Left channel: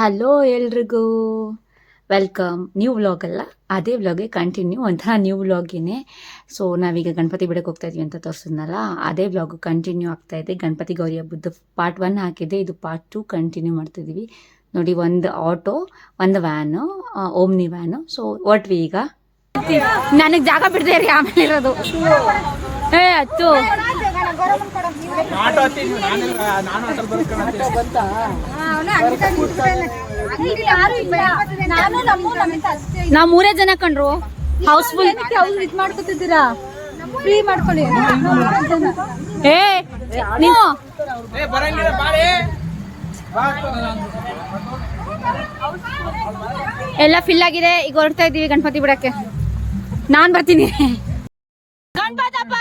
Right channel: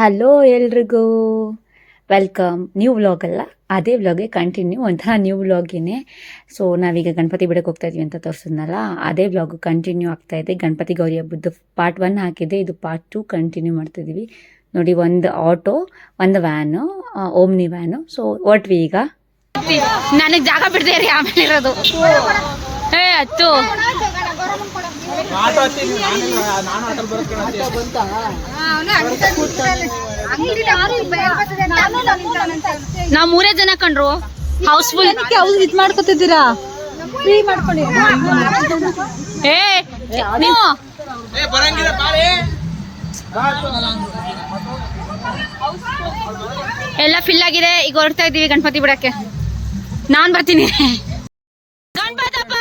Hello ಎಲ್ರಿಗೂ welcome. New vlog ಅಲ್ಲ, ಅದೇ ವ್ಲಾಗ್ಗೆ ಕಂಟಿನ್ಯೂ, ಒಂಥರ ನ್ಯೂ ವ್ಲಾಗಿನೇ. ಸೊ ನಾವೀಗ ಗಣಪತಿ ಬಿಡಕ್ಕೆ ಹೋಗ್ತಾ ಇದೀವಿ ಅಂತ ತೋರಿಸಿದ್ನಲ್ಲ, ಅದೇ ವ್ಲಾಗು ಕಂಟಿನ್ಯೂ ಆಗ್ತಾ ಇದೆ. ಗಣಪತಿ ಗೌರಿ ಹಬ್ಬದ್ದು ಪಾರ್ಟ್ 1 ಹಾಕಿದೆ, ಇದು ಪಾರ್ಟ್ 2 ಕಂಟಿನ್ಯೂ ಮಾಡ್ತಿದ್ದೀವಿ. ನೋಡಿ, ಒಂದು ಆಟೋ, ಒಂದು ವ್ಯಾನು, ಓಮ್ನಿ ವ್ಯಾನು. ಸೊ ಹೊಟ್ವಿ ಈಗ. ನನಗೆ ಜಾಗ ಬಿಡದೆ ರೀ, ಆಮೇಲೆ ಇರೋದು ಹತ್ತು ನಾವ್ 3 ಜನ ಕಂಡ್ರು. ಹೌಸ್ಫುಲ್ ಇದ್ ಮಾಡ್ಕೊತಿದ್ದೀರಾ, ಫ್ರೀ ಮಾಡ್ಕೊಳ್ಳಿ. ನೀವು ಎಲ್ಲ ಫಿಲ್ ಆಗಿದೆ. ಈಗ ಹೊರಡ್ತಾ ಇದೀವಿ ಗಣಪತಿ ಬಿಡಕ್ಕೆ. ನಾನ್ ಬರ್ತೀನಿ. ಗಣಪತಪ್ಪ,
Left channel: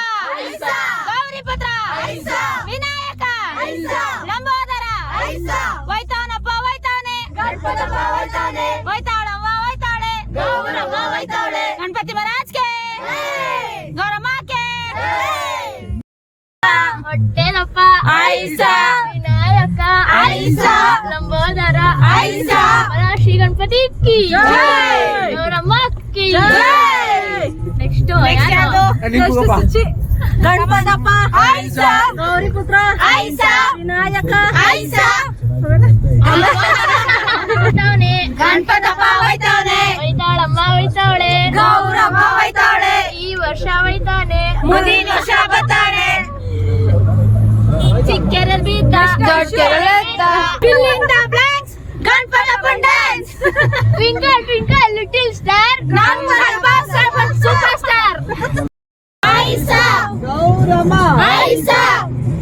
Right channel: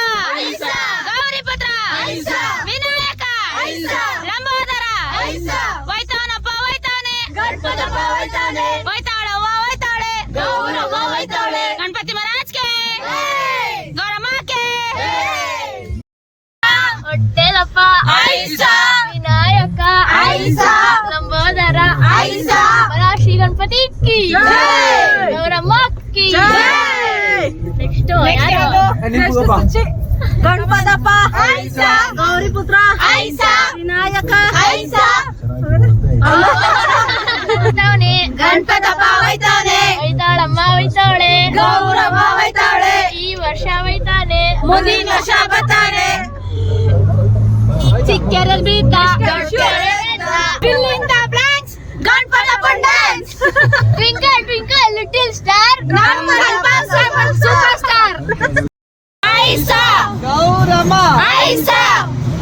ಗೌರಿಪುತ್ರ, ವಿನಾಯಕ, ಲಂಬೋದರ, ವೈತಾನಪ್ಪ ವೈತಾನೆ, ವೈತಾಳವ್ವ ವೈತಾಳೆ, ಗಣಪತಿ ಮಹಾರಾಜ್ಗೆ, ಗೌರಮ್ಮಕ್ಕೆ, ಹೊಟ್ಟೆಲಪ್ಪ, ವಿನಾಯಕ, ಲಂಬೋದರ, ಶ್ರೀ ಗಣಪತಿ ಕಿ, ಗೌರಮ್ಮ ಕಿ. ನೆಕ್ಸ್ಟ್ ಗಣಪತಪ್ಪ, ಗೌರಿಪುತ್ರ, ವಿನಾಯಕ, ಗಣಪತಪ್ಪ ವೈತಾನೆ, ವೈತಾಳಮ್ಮ ವೈತಾಳೆ, ಗೌರಮ್ಮ ವೈತಾಳೆ. ಈ ವರ್ಷ ವೈತಾನೆ, ಮುಂದಿನ ವರ್ಷ ಬರ್ತಾನೆ. ಚಿಕ್ಕರಲ್ಲಿ ಬಿದ್ದ fill in the blanks, Ganapatappa dance, twinkle twinkle little star, ನಮ್ಮ ಸೂಪರ್ ಸ್ಟಾರ್. ಐಸಾ ಗೌರಮ್ಮ, ಐಸಾ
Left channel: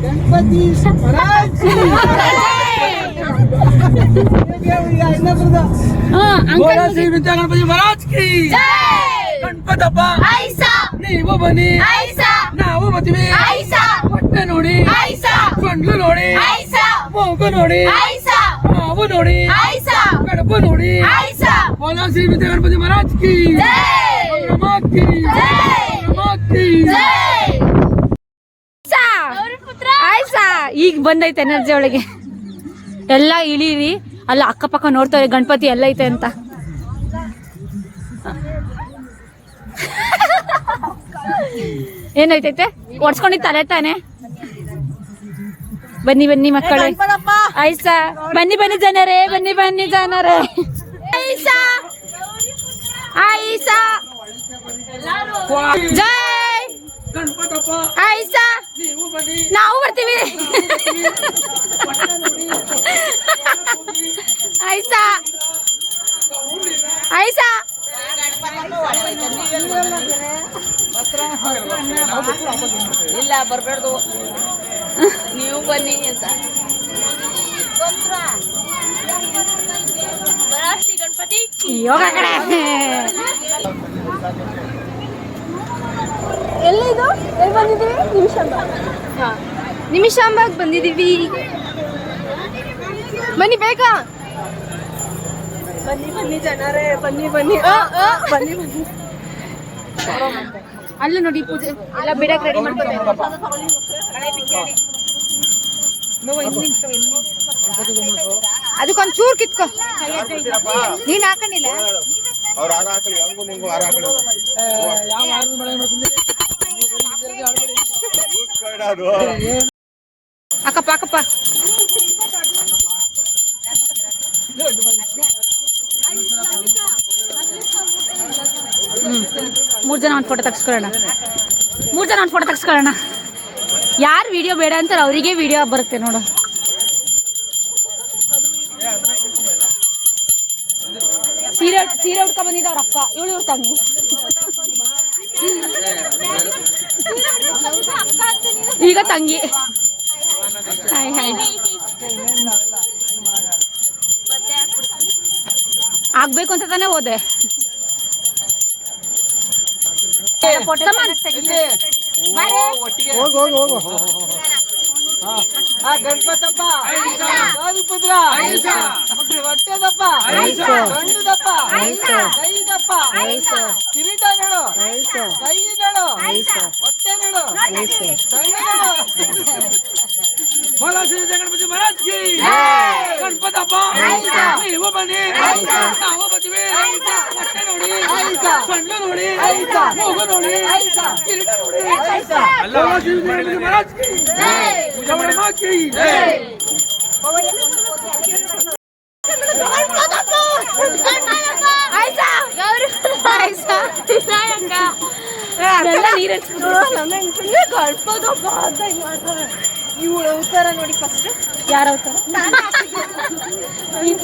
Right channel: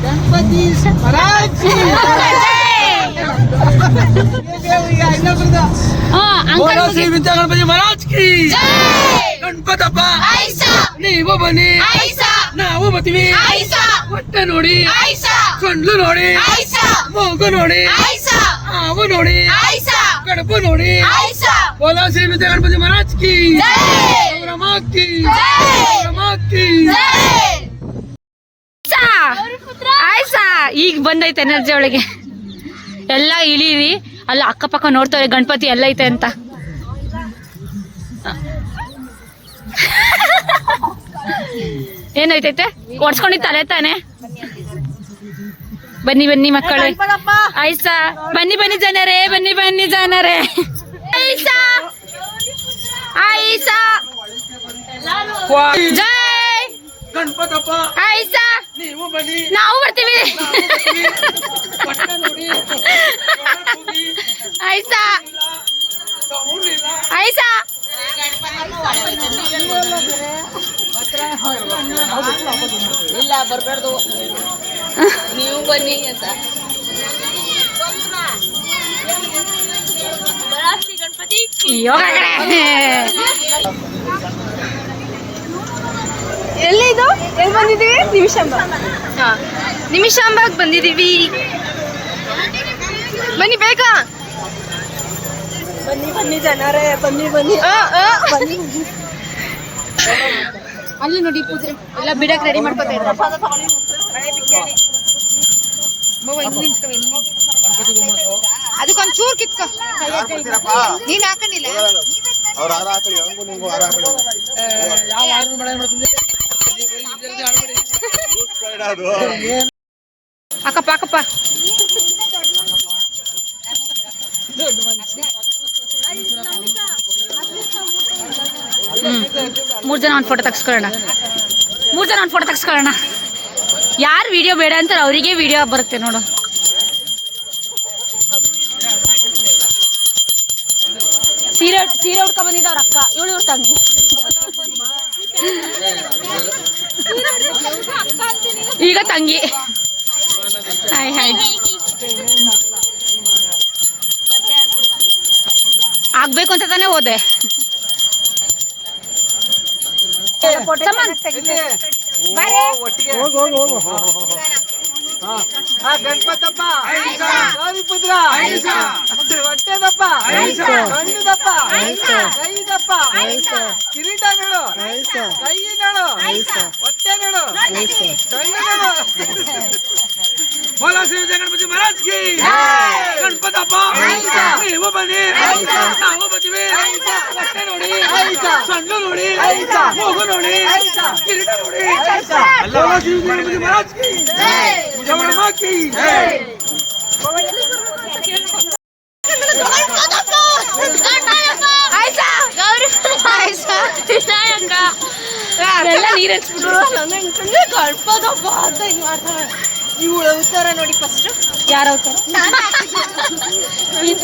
ಗಣಪತಿ ಮಹಾರಾಜ್ ಅಂಕಲ್ ಶ್ರೀ ವಿದ್ಯಾ ಗಣಪತಿ ಮಹಾರಾಜ್ ಕಿ, ಗಣಪತಪ್ಪ ನೀವು ಬನ್ನಿ, ನಾವು ಬರ್ತೀವಿ. ಹೊಟ್ಟೆ ನೋಡಿ, ಕಣ್ಲು ನೋಡಿ, ಮೂಗು ನೋಡಿ, ಹಾವು ನೋಡಿ, ಕಡಪ ನೋಡಿ. ಬೋಲಾ ಶ್ರೀ ವಿದ್ಯಾ ಗಣಪತಿ ಮಹಾರಾಜ್ ಕಿ, ಗೌರಮ್ಮ ಕಿ, ಗೌರಮ್ಮ ಕಿ. ಆಯ್ಸಾ ಈಗ ಬಂದೈತೆ ಎನರ್ಜಿ ಒಳಗೆ. ಎಲ್ಲ ಇಳೀರಿ, ಅಲ್ಲ ಅಕ್ಕಪಕ್ಕ ನೋಡ್ತಾರೆ ಗಣಪತಿ ಎಲ್ಲ ಐತೆ ಅಂತ. ಏನೈತೈತೆ ಒಡ್ಸ್ಕೊಂಡಿದ್ ತಲೆ ತಾನೆ. ಬನ್ನಿ ಬನ್ನಿ ಮಕ್ಕಳೇ, ಆಯ್ಸಾ ಬನ್ನಿ ಬನ್ನಿ ಜನರೇ, ಬನ್ನಿ ಬನ್ನಿ ಜನರೇ. ಆಯ್ಸಾ ಆಯ್ಸಾ ಜೈ ಗಣಪತಪ್ಪ ಆಯ್ಸಾ, ನೀವು ಬನ್ನಿ, ನಾವು ಬರ್ತೀವಿ. ಆಯ್ಸಾ ಆಯ್ಸಾ ಇಲ್ಲ ಬರ್ಬಾರ್ದು, ನೀವು ಬನ್ನಿ ಅಂತ. ಗಣಪತಿ ಯೋಗ ಕಡೆ. ಎಲ್ಲಿದು, ಎಲ್ಲಿ ಬಂದಿದ್ದೀವಿ? ನಿಮಿಷಾಂಬಾಗ್ ಬಂದಿದ್ದೀವಿ. ಬನ್ನಿ ಬೇಗ, ಬನ್ನಿ ಬನ್ನಿ ಜನರೇ, ಬನ್ನಿ ಬನ್ನಿ ಬನ್ನಿ. ಅಲ್ಲೂ ನೋಡಿ ಪೂಜೆ ಎಲ್ಲ ಬಿಡಕ್ ರೆಡಿ ಮಾಡ್ಕೊತಾ ಇದ್ದಾರೆ. ಅದಕ್ಕೊಂದು ಚೂರು ಕಿತ್ಕೊ, ನೀನ್ ಹಾಕೊಂಡಿಲ್ಲ. ಅಕ್ಕಪ್ಪ ಅಕ್ಕಪ್ಪ, ಮೂರ್ ಜನ ಒಂದು ಫೋಟೋ ತೆಗ್ಸ್ಕೊಳ್ಳೋಣ, ಯಾರು ವಿಡಿಯೋ ಬೇಡ ಅಂತಾರೆ ಅವರಿಗೆ ವಿಡಿಯೋ ಬರುತ್ತೆ ನೋಡು. ಸೀರೆ ಉಟ್ಕೊ ಬಂದಿದ್ದ ಅವ್ರ ಅಕ್ಕ, ಇವ್ರ ತಂಗಿ. ಈಗ ತಂಗಿ. Hi hi. ಆಗ್ಬೇಕು ಅಂತ ತಾನೇ ಹೋದೆ. ಗಣಪತಪ್ಪ ಗೌರಿಪುತ್ರ ಹೊಟ್ಟೆದಪ್ಪ ಗಂಡುದಪ್ಪ ಕೈದಪ್ಪ ಕಿರೀಟಗಳು ಕೈಗಳು ಹೊಟ್ಟೆಗಳು बोला श्री गणपति महाराज की गणपतप्ಪ ನೀವು ಬನ್ನಿ ನಾವು ಬರ್ತೀವಿ ಹೊಟ್ಟೆ ನೋಡಿ ಸಣ್ಣ ನೋಡಿ ಮೂಗು ನೋಡಿ ಕಿರೀಟ ನೋಡಿ बोला श्री गणपति महाराज की पूजा ಮಾಡಮ್ಮ की ಎಲ್ಲ ನೀರು ಹಚ್ಬಿಟ್ರು. ನೀವು ಅವತಾರ ನೋಡಿ ಫಸ್ಟ್. ಯಾರ ಅವತಾರ?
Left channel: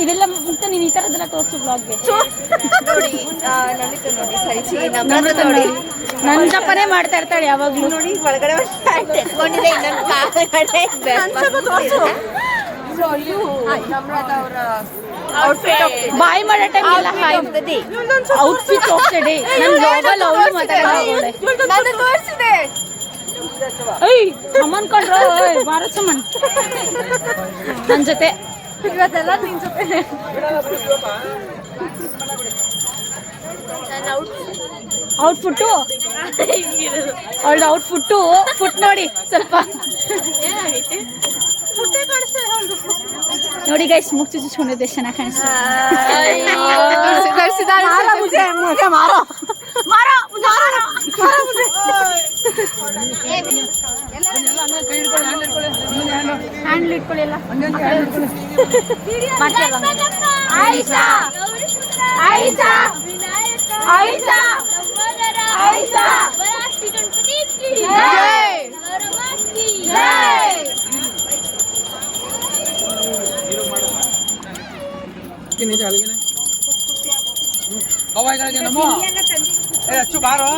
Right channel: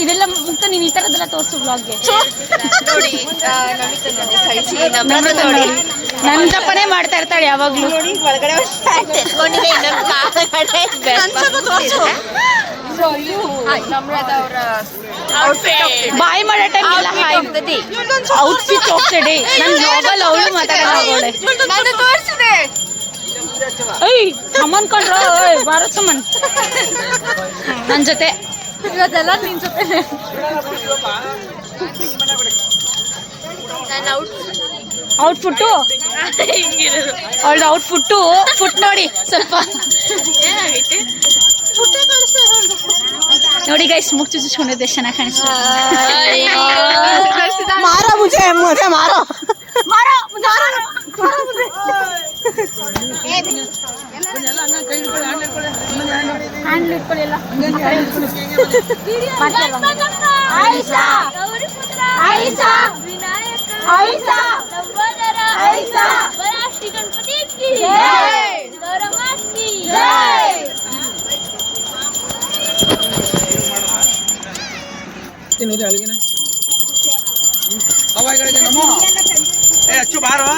ಇದೆಲ್ಲ ಮುಕ್ತ ನೀನ್ ಈ ತರದೆಲ್ಲ ತೋರ್ಸು ಬ್ಲಾಗ್ಗೆ ನೋಡಿ ನಮಿತ ನೋಡಿ ಕಳಿಸಿ ನಮ್ರತ ನೋಡಿ ನಂದಪ್ಪನೇ ಮಾಡ್ತಾ ಇರ್ತಾಳೆ ಯಾವಾಗ್ಲೂ. ನೋಡಿ ಒಳಗಡೆ ಎತ್ಕೊಂಡಿದೆ ಇನ್ನೊಂದು ಕಾಲಗಡೆ ನಮ್ರತ ಅವರ ಬಾಯ್ ಮಾಡೋ ಟೈಮ್ ಹೋಗ್ತದೆ ಔಟ್ಫಿಟ್ ಹೋಗ್ತದೆ. ನನ್ ಬ್ಲಾಗಲ್ಲಿ ಅವಳು ಮಾತಾಡೋಳೆ. ತೋರಿಸಿದೆ ಏಯ್ ಅಮ್ಮನ್ ಕೊಂಡ್ರ ಬಾರ ಸುಮನ್ ನನ್ ಜೊತೆ ಇವತ್ತೆಲ್ಲ ನಿನ್ ಜೊತೆ ನನ್ನ ಔಟ್ಫುಟ್ಟು ಅವಳ ಔಟ್ಫುಟ್ಟು ಫುಟ್ ನೋಡಿ ಸ್ವಲ್ಪ ನೋಡಿ ಗೈಸ್ ಮುಖ ಚುಚ್ಚಿಸ್ಕೊಂಡಿದ್ದೆ ಎಷ್ಟು ಚೆನ್ನಾಗಿ ಕಾಣಿಸ್ತದೆ. ಹ್ಯಾಂಡ್ಲ್ ಇಟ್ಕೊಳ್ಳಿ ಎಲ್ಲ. ಆಯಿಷಾ ಆಯಿಷಾ ಆಯಿಷಾ ಆಯಿಷಾ ಗಣಪತಿ ಕಿ ಜೈ ಗೌರಮಾತ್ ಕಿ ಜೈ. ಹವಾಯಿಗಳಿಗೆ ನಮೋ ಏ ಅಚ್ಚು ಬಾರೋ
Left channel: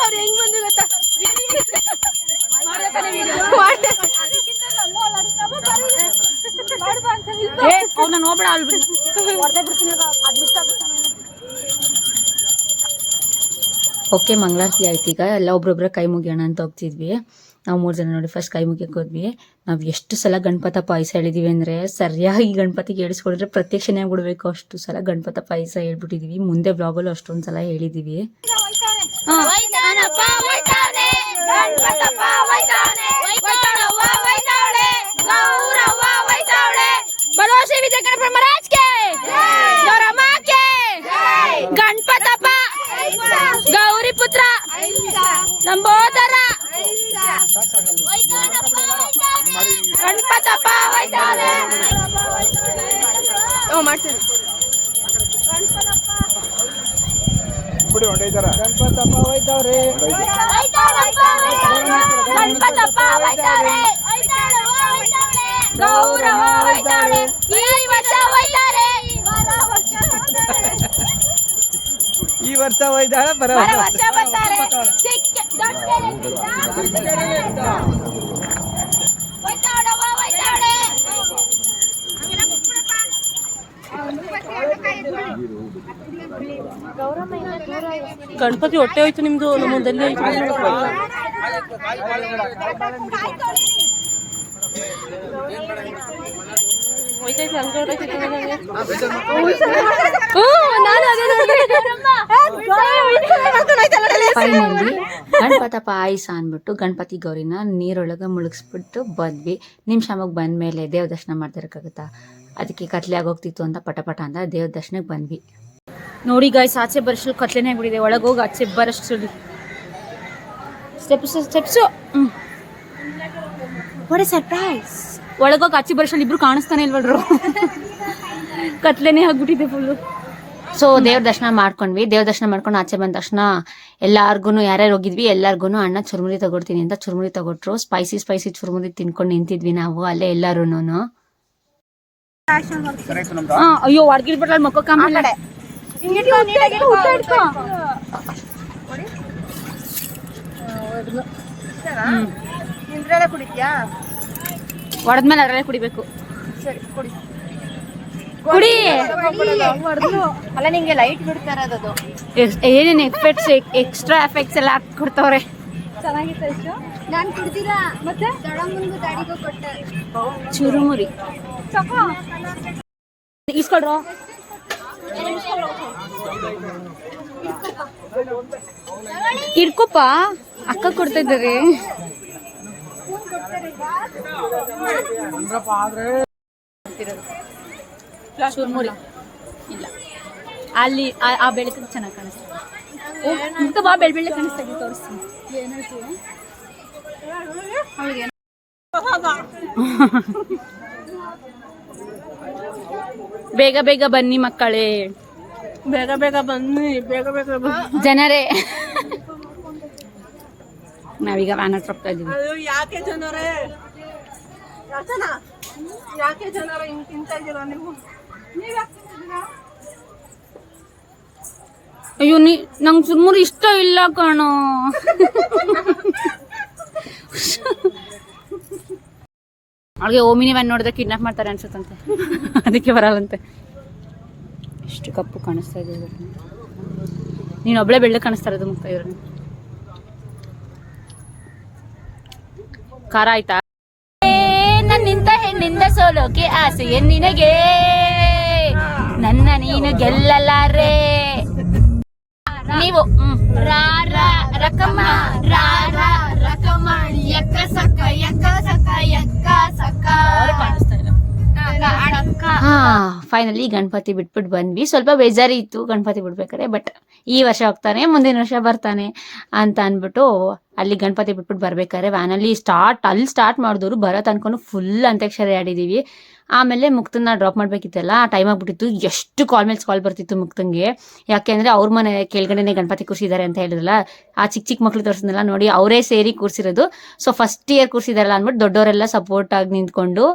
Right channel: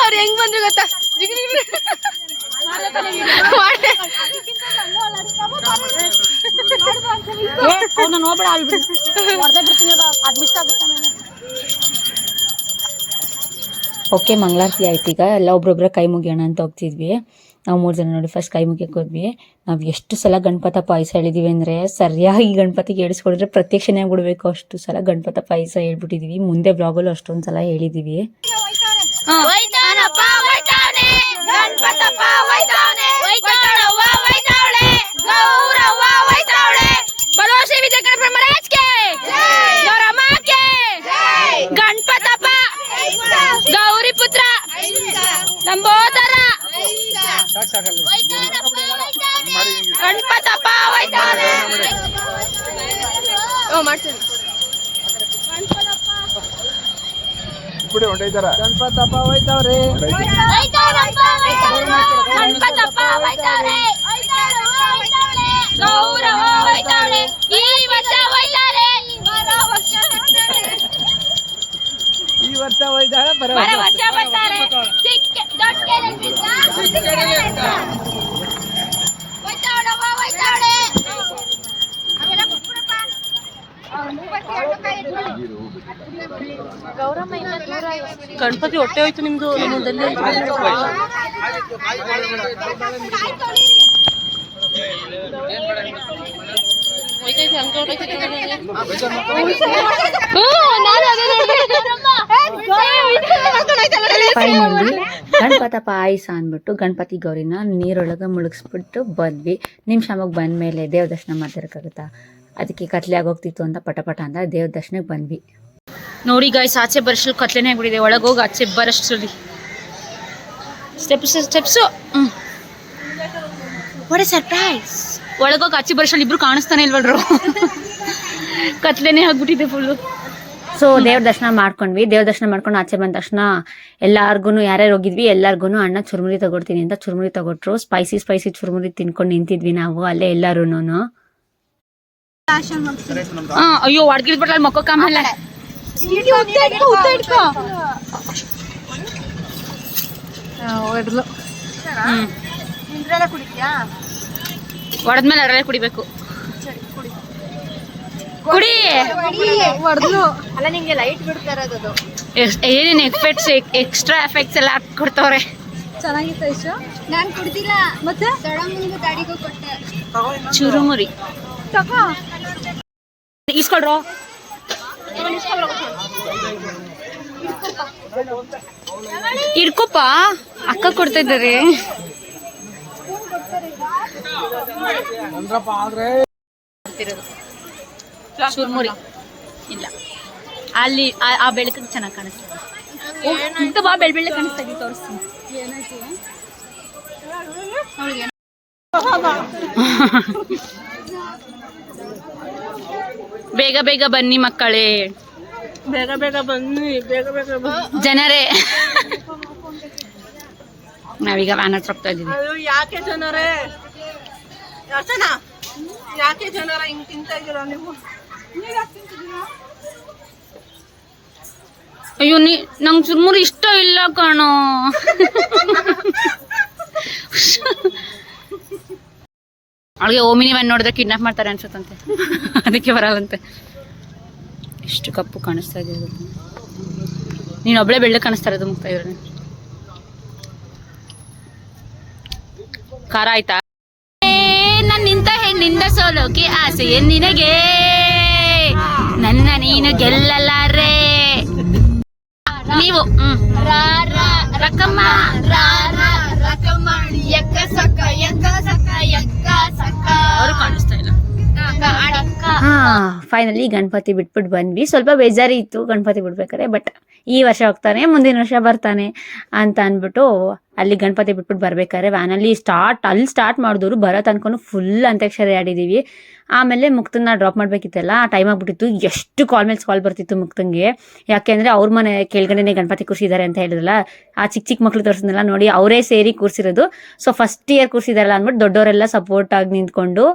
ಅವ್ರು ಹೆಂಗ್ ಬಂದ್ರು ಗೊತ್ತಾ? ಅವ್ನ ನೋಡ್ಬೇಡ ಓಕೆ ಮಂಗಳಾರತಿ ಆಯ್ತು. ಈಗ ಎಲ್ಲ ಒಬ್ರೊಬ್ರ ಕೈ ಮುಗಿಯೋಣ ಅಂತ ಹೋಗ್ತಿದ್ವಿ. ನಾವು 3 ಜನ ನೋಡಿ ಫಸ್ಟ್ ಕೈ ಮುಗಿಯಕ್ಕೆ ಹೋದ್ವಿ. ನಾವು ಎಷ್ಟು ಸಲ ಗಣಪತ ಪಾಯಸ ಹೇಳಿದೀವಿ ಅಂದರೆ ಸರಿಯಾಗಿ ಗಣಪತಿಗೆ ಹೇಳಿಸ್ಕೊಡಿದ್ರೆ ಪ್ರತ್ಯಕ್ಷನೇ ಆಗ್ಬಿಡ್ಬೇಕು ಅಷ್ಟು ಸಲ ಗಣಪತ ಪಾಯಸ ಹೇಳ್ಬಿಟ್ಟಿದೀವಿ. ಮುಂದೆ ಬ್ಲಾಗಲ್ಲೂ ಅಷ್ಟೊಂದು ಸಲ ಹೇಳಿದೀವಿ. ಗಣಪತಪ್ಪ ಗೌರಿ ಪುತ್ರ ಲಂಬೋದರ ಗಣಪತಪ್ಪ ಮಾಡ್ತೀನಿ ಗಣಪತಪ್ಪ ಹೋಯ್ತವ್ರಿ ಈ ವರ್ಷ ಹೋಯ್ತಾಳ ಬರ ಗಣಪತಿ ಹೊಟ್ಟೆ ಹೋಯ್ತು ನಿಮ್ದು ನಿಮ್ಮದಲ್ಲಿ ಫೈನಲಿ ಗಣಪತ ಪಾಯಸ ಅಂದ್ಬಿಟ್ಟು ಗಣಪತಿ ಗೌರಿನ ನೀರೊಳಗೆ ಮುಳುಗಿಸ್ಬಿಟ್ಟು ಬಂದ್ವಿ. ನಿಮಿಷಮಗೆ ಬಂದ್ಮೇಲೆ ದೇವ್ರ ದರ್ಶನ ಮಾಡ್ತಿರಕ್ಕಾಗುತ್ತಾ, ಅದಕ್ಕೆ ಕತ್ಲೆ ಆಗೋಗ್ತಿತ್ತು ಅಂತ ಪಟ ಅಂತ ದೇವ್ರ ದರ್ಶನಕ್ಕೆ ಬಂದ್ವಿ. ನೋಡಿ ಗಾಯ್ಸ್, ಆಚೆ ಬರೋಷ್ಟು ಕತ್ಲೆನೇ ಆಗ್ಬಿಟ್ಟಿದೆ. ಒಳಗೋಗಿ ಆಚೆ ಬರೋಷ್ಟರಲ್ಲಿ ಸ್ಟೆಪ್ಸು ವಾಟ್ ಎ ಸರ್ಪ್ರೈಸ್. ಒಳಗೋಗಿ ಆಚೆ ಬರೋಷ್ಟರಲ್ಲಿ ಇಬ್ರು ಕಾಣಿಸ್ತಾನೆ ಇಲ್ವಲ್ರು, ಕತ್ಲೆನೇ ಆಗ್ಬಿಟ್ಟಿದೆ ಫುಲ್ಲು. ಸೊ ದೇವ್ರ ದರ್ಶನ ಮಾಡ್ಕೊಂಡ್ವಿ. ದೇವ್ರ ದರ್ಶನ ಮಾಡ್ಕೊಂಡು ಆಚೆ ಬಂದ ತಕ್ಷಣ ಎಲ್ಲಾರ್ಗು ಯಾರ್ಯಾರು ಹೋಗಿದ್ವಿ ಎಲ್ಲಾರ್ಗು ಅಣ್ಣ ಚುರುಮುರಿ ತಗೊಡ್ತೀನಿ ಅಂತ ಚುರುಮುರಿ ತಗೊಟ್ರು. ಸ್ಪೈಸಿ ಚುರುಮುರಿ ತಿನ್ಕೊಂಡು ನಿಂತಿದ್ವಿ ನಾವು ಅಲ್ಲೇ ಎಲ್ಲಾರು. ಅಯ್ಯೋ ಅಡ್ಗಿದ್ಬಿಟ್ಲ ಮಕ್ಕೋ ಆಮೇಲೆ ಇದ್ರಲ್ಲೇ ಕುಡಿದ್ಯಾ? ಹೊಡೆದ್ಮೇಲೆ ಅದರಲ್ಲೇ ಕುಡಿಬೇಕು. ಸರಿ ಕುಡಿ. ಕುಡಿ. ಅಲ್ಲ ನಿಂಗೆ ಲೈಟ್ ಬಿಡ್ತಾ ಇರೋದು. ಏನೇನು ಎಕ್ಸ್ಟ್ರಾ ಎಫೆಕ್ಟ್ಸ್ ಎಲ್ಲ ಕೊಡ್ತವ್ರೆ. ಚೆನ್ನಾಗಿತ್ತು ಇಷ್ಟು. ನಾನು ಕುಡ್ದಿಲ್ಲ. ಮತ್ತೆ ದೊಡ್ಡಮ್ಮನಿಗೂ ಡ್ಯಾಡಿಗೂ ಕೊಟ್ಟೆ. ಚುರುಮುರಿ ಇಸ್ಕೊಳ್ರೋ. ಇಡ್ಕೊಪ್ಪ, ಅಕ್ಕ ಕೊಡ್ತಾ ಇದ್ದಾರೆ. ಚುರುಮುರಿ ಇಲ್ಲ, ಅಲ್ಲಿ ಆ ಬೆಳಕಿಗೆ ಚೆನ್ನಾಗಿ ಕಾಣಿಸ್ತದೆ. ಬಾ, ಬೆಳ್ಳೆ ಕಾಣಿಸ್ತಾ ಇದ್ದೀವಿ, ತೋರಿಸ್ತೀನಿ. ಬೇಗ ಬೇಗ ಬನ್ನಿ ಮಕ್ಕಳೇ, ಬೇಗ ಬೇಗ ಬನ್ನಿ, ಬೇಗ ಬೇಗ ಜನರೇ. ನಾವೀಗ ವ್ಯಾನ್ ಹತ್ರ ಹೋಗ್ತಾ ಇದ್ದೀವಿ. ಯಾಕೆ ಜನರೇ, ಯಾಕೆ ಜನರ ಹಿಂಗ್ ತಿಂತಾ ಇದ್ದೀರಾ ನೀವು? ಅಯ್ಯೋ, ನಂಗೆ ಚುರುಮುರಿ ಇಷ್ಟ ಇಲ್ಲ ಕಣೋ. ಅವಳಿಗೆ ಓಮಿನಿ ವ್ಯಾನ್ ನೋಡಿದ್ರೆ ಕಿಡ್ನಾಪ್ ಮಾಡ್ತಾರೆ ಅನ್ಸುತ್ತಂತೆ, ಅದಕ್ಕೆ ಬರಲ್ಲಂತೆ. ಎಷ್ಟು ಕಪ್ಪು ಕಾಣಿಸ್ತಾ ಇದೆ. ನೀನು ಒಬ್ಳೆ ಬೆಳ್ಳ ಕಾಣಿಸ್ತಾ ಇರೋದು ಮುಗ್ತಾ ಇದ್ರೆ. ಖಾರ ಆಯ್ತಾ? ನನ್ನಿಂತ ಹೆಣ್ಣಿಂದ ಸೋಲೋಕೆ ಆಸೆ ನಿನಗೆ, ನನ್ನ ನೀನು ಗೆಲ್ಲಲಾರೆ. ನೀವು ರಕಮ್ಮ ಅವರು ಕಾಣಿಸ್ತಾ ಇಲ್ಲ. ಫೈನಲಿ ಗಣಪತಿ ಬಿಟ್ಬಿಟ್ಟು ಬಂದ್ವಿ. ಸ್ವಲ್ಪ ಬೇಜಾರಿತ್ತು ಗಣಪತಿ ಬಿಡ್ಬೇಕಾರೆ, ಬಟ್ ಈ ವರ್ಷ ಹೋಗ್ತಾನೆ, ಮುಂದಿನ ವರ್ಷ ಬರ್ತಾನೆ ಅಂತ ಅಂದ್ಬಿಟ್ಟು ಅಲ್ಲಿ ಗಣಪತಿ ಬಿಟ್ಬಿಟ್ಟು ಬರ್ಬೇಕಾದ್ರೆ ವ್ಯಾನಲ್ಲಿ ಸ್ಟಾರ್ಟ್ ಮಾಡಿದವರು ಬರೋ ತನಕ ಫುಲ್ ಅಂತ್ಯಾಕ್ಷರಿ ಆಡಿದ್ದೀವಿ. ಆಮೇಲೆ ಮುಕ್ತನ್ನ ಡ್ರಾಪ್ ಮಾಡಬೇಕಿತ್ತಲ್ಲ, ಟೈಮ್ ಆಗಿಬಿಟ್ಟಿತ್ತು. ಎಷ್ಟು ಕಾಲ್ ಮೇಲೆ ಕಾಲ್ ಬರ್ತಿತ್ತು ಮುಕ್ತಂಗೆ. ಯಾಕೆಂದರೆ ಅವ್ರ ಮನೆ ಕೆಳಗಡೆನೆ ಗಣಪತಿ ಕೂರಿಸಿದ್ದಾರೆ ಅಂತ ಹೇಳಿದ್ರಲ್ಲ, ಆ ಚಿಕ್ಕ ಮಕ್ಳು ತೋರಿಸಿದ್ನಲ್ಲ ನೋಡಿ, ಅವರೇ ಸೇರಿ ಕೂರಿಸಿರೋದು. ಸೊ ಫಸ್ಟ್ ಇಯರ್ ಕೂರಿಸಿದಾರಲ್ಲ ಅಂದ್ಬಿಟ್ಟು ದೊಡ್ಡವರೆಲ್ಲ ಸಪೋರ್ಟ್ ಆಗಿ ನಿಂತ್ಕೊಂಡು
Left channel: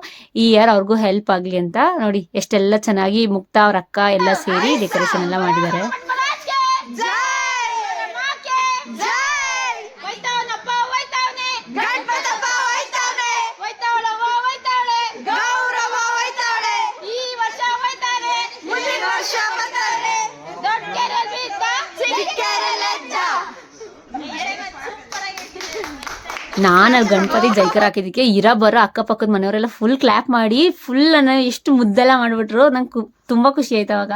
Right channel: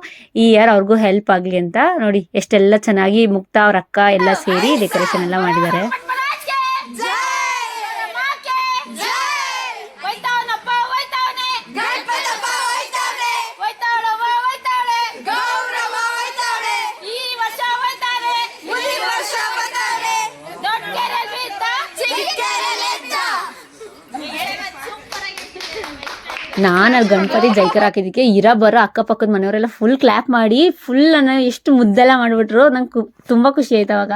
ಈ ಇಯರ್ ಅವ್ರಿಗೂ ಹೆಲ್ಪ್ ಆಗಲಿ ಅಂತ ನೋಡಿ ಎಷ್ಟೆಲ್ಲ ಚೆನ್ನಾಗಿ ಮುಕ್ತ ಅವ್ರ ಅಕ್ಕ ಎಲ್ಲ ಸೇರಿ ಡೆಕೋರೇಷನ್ ಎಲ್ಲ ಮಾಡಿದ್ದಾರೆ. ನಾನು ಗಣಪತಿ ಜೈಕರ್ ಹಾಕಿದ್ದಕ್ಕೆ ಬರೋ ಅಕ್ಕಪಕ್ಕದ ಮನೆಯವರೆಲ್ಲ ಫುಲ್ ಕ್ಲ್ಯಾಪ್ ಮಾಡಿ ಎಷ್ಟು ಮುದ್ದೆಲ್ಲ ಮಾಡಿಬಿಟ್ರು. ನಂಗೆ ತುಂಬ ಖುಷಿ ಆಯ್ತು ಅವಾಗ.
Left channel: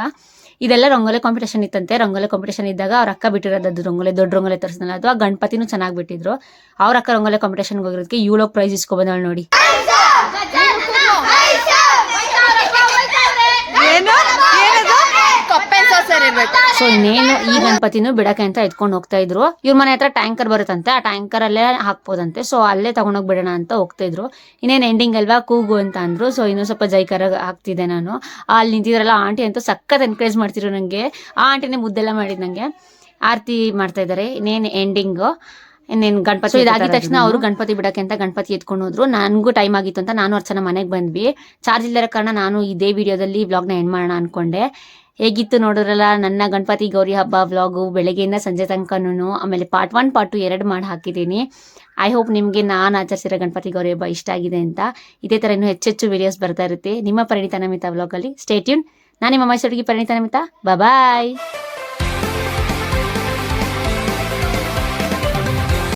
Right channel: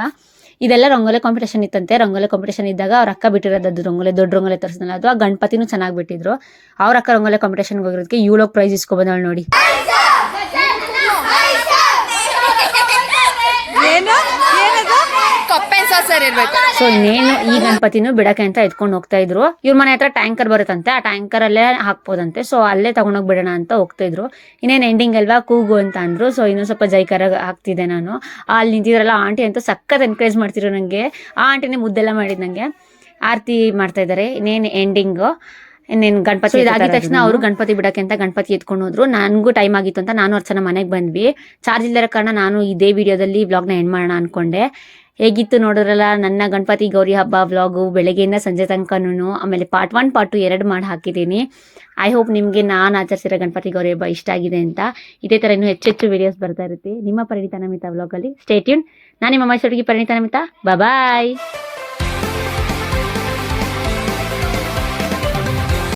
ಇದೆಲ್ಲ ರಂಗೋಲಿ ಕಾಂಪಿಟೇಷನ್ ಇತ್ತಂತೆ. ರಂಗೋಲಿ ಕಾಂಪಿಟೇಷನ್ ಇದ್ದಾಗ ಅವ್ರ ಅಕ್ಕ ಬಿಟ್ಟಿರೋದು ದೊಡ್ಡ ರಂಗೋಲಿ ತರಿಸಿದ್ನಲ್ಲ, ಅದು ಆ ಗಣಪತಿನೂ ಚೆನ್ನಾಗಿ ಬಿಟ್ಟಿದ್ರು. ಅವ್ರ ಅಕ್ಕ ರಂಗೋಲಿ ಕಾಂಪಿಟೇಷನ್ಗೆ ಹೋಗಿರೋದಕ್ಕೆ ಇವಳೋಗಿ ಪ್ರೈಸ್ ಇಸ್ಕೊಬಂದವಳು ನೋಡಿ. ಸೊ ಇನ್ನೇನು ಈ ಗಣಪತಿನೂ ಬಿಡಕ್ಕೆ ಅಂತ ಎತ್ಕೊಂಡು ಹೋಗ್ತಾ ಇದ್ರು. ಇವ್ರ ಮನೆ ಹತ್ರ ಟ್ಯಾಂಕರ್ ಬರುತ್ತಂತೆ, ಆ ಟ್ಯಾಂಕರ್ ಅಲ್ಲೇ ಹಾಕ್ಬೋದಂತೆ. ಸೊ ಅಲ್ಲೇ ತಗೊಂಡೋಗಿ ಬಿಡೋಣ ಅಂತ ಹೋಗ್ತಾ ಇದ್ರು. ಇನ್ನೇನು ಎಂಡಿಂಗ್ ಅಲ್ವಾ, ಕೂಗು ಅಂತ ಅಂದ್ರು. ಸೊ ಇನ್ನೂ ಸ್ವಲ್ಪ ಜೈಕಾರ ಹಾಕ್ತಿದ್ದೆ ನಾನು. ಅಲ್ಲಿ ನಿಂತಿದ್ರಲ್ಲ ಆಂಟಿ ಅಂತೂ ಸಖತ್ ಎನ್ಕರೇಜ್ ಮಾಡ್ತಿದ್ರು ನನಗೆ. ಆ ಆಂಟಿನೇ ಮುದ್ದೆಲ್ಲ ಮಾಡಿದ್ ನಂಗೆ. ಆರತಿ ಮಾಡ್ತಾ ಇದ್ದಾರೆ. ಇನ್ನೇನು ಗಣಪತಿ ಇದಾಗಿದ ತಕ್ಷಣ ಅವರು ಗಣಪತಿ ಬಿಡಕ್ಕೆ ಅಂತ ಗಣಪತಿ ಎತ್ಕೊಂಡು ಹೋದ್ರು. ನನಗೂ ಟೈಮ್ ಆಗಿತ್ತು ಅಂತ ನಾನು ಅರ್ಚನ ಮನೆಗೆ ಬಂದ್ವಿ. ಚಾರ್ಜ್ ಇಲ್ಲದ ಕಾರಣ ನಾನು ಇದೇ ವಿಡಿಯೋದಲ್ಲಿ ವ್ಲಾಗ್ನ ಎಂಡ್ ಮಾಡೋಣ ಅನ್ಕೊಂಡೆ. ಹೇಗಿತ್ತು ನೋಡಿದ್ರಲ್ಲ ನನ್ನ ಗಣಪತಿ ಗೌರಿ ಹಬ್ಬ ವ್ಲಾಗು, ಬೆಳಗ್ಗೆಯಿಂದ ಸಂಜೆ ತನಕನೂ. ಆಮೇಲೆ ಪಾರ್ಟ್ 1 ಪಾರ್ಟ್ 2 2 ಮಾಡಿ ಹಾಕಿದ್ದೀನಿ. ಐ ಹೋಪ್ ನಿಮಗೆ ನಾನು ಆಚರಿಸಿರೋ ಗಣಪತಿ ಗೌರಿ ಹಬ್ಬ ಇಷ್ಟ ಆಗಿದೆ ಅಂತ. ಇದೇ ಥರ ಇನ್ನೂ ಹೆಚ್ಚೆಚ್ಚು ವಿಡಿಯೋಸ್ ಬರ್ತಾ ಇರುತ್ತೆ ನಿಮ್ಮ ಪರಿಣಿತ ನಮಿತಾ ವ್ಲಾಗಲ್ಲಿ. Stay tune. ನಾನು ನಿಮ್ಮ ಮೈಸೂರಿಗೆ ಪರಿಣಿತ ನಮಿತಾ. ಬಾಯ್.